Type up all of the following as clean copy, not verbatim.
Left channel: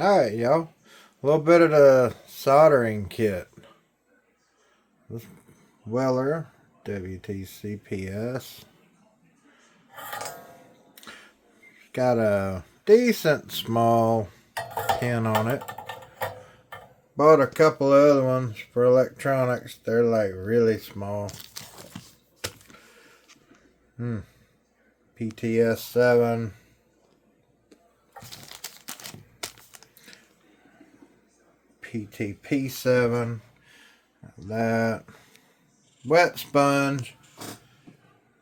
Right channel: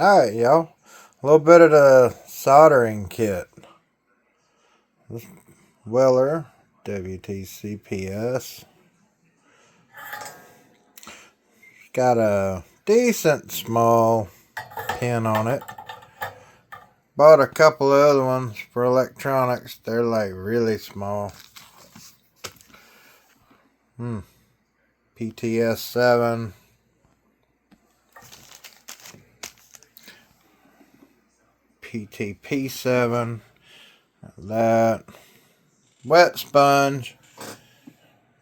Alright, y'all. A little bit of the soldering kit. This Weller WTCPS. Got a decent small pin on it. Bought a couple of other ones for electronics. They're like really small. PTS 7. PTP 7. That. Wet sponge.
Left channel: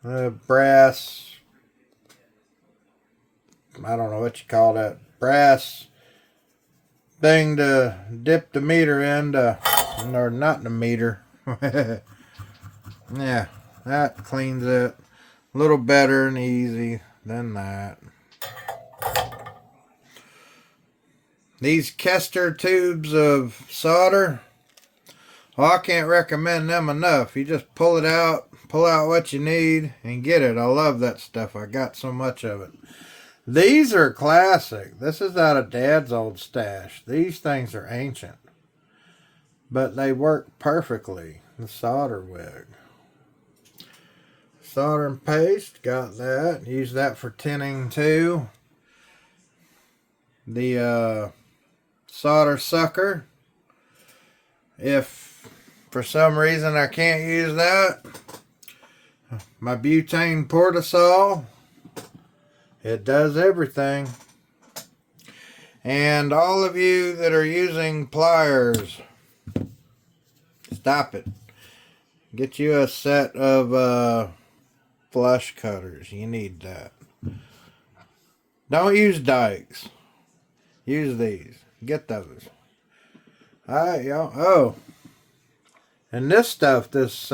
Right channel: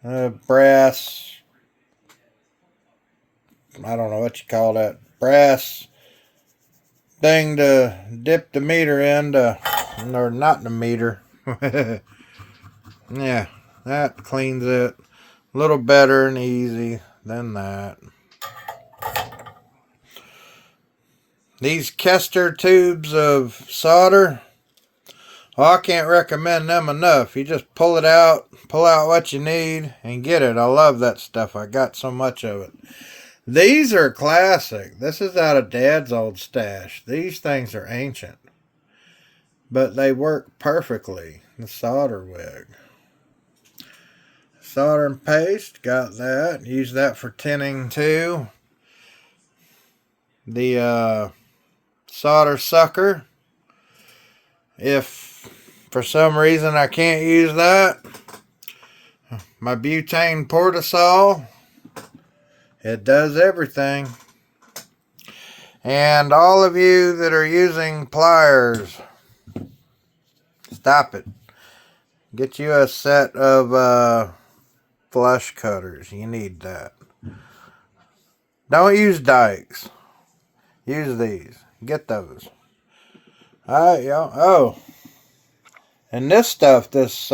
Brass. I don't know what you call that. Brass thing to dip the meter into. Or not the meter. Yeah, that cleans it a little better and easy than that. These Kester tubes of solder, well, I can't recommend them enough. You just pull it out, pull out what you need, and get it. I love that stuff. I got so much of it. These are classic. This is out of Dad's old stash. These things are ancient, but they work perfectly. The solder wig. Soldering paste, got that. Use that for tinning too. The solder sucker. If for some reason I can't use that, my butane Portasol. It does everything. And all of you that are using pliers, stop it. Get you a set of flush cutters. You need that. Don't use dikes. Use these. Get those. Alright, y'all. Oh. And this stuff, this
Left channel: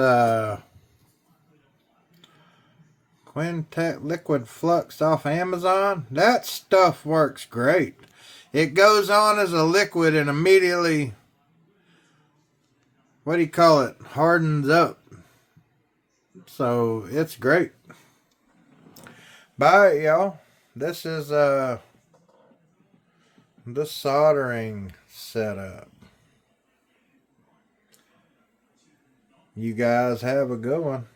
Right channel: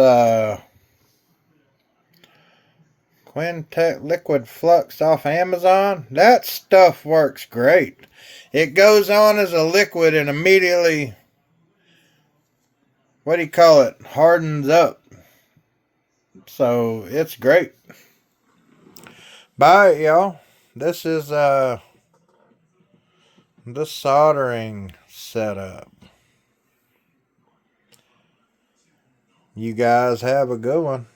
Quintec Liquid Flux off Amazon, that stuff works great. It goes on as a liquid and immediately, what do you call it, hardens up. So it's great. Bye, y'all. This is the soldering setup. You guys have a good one.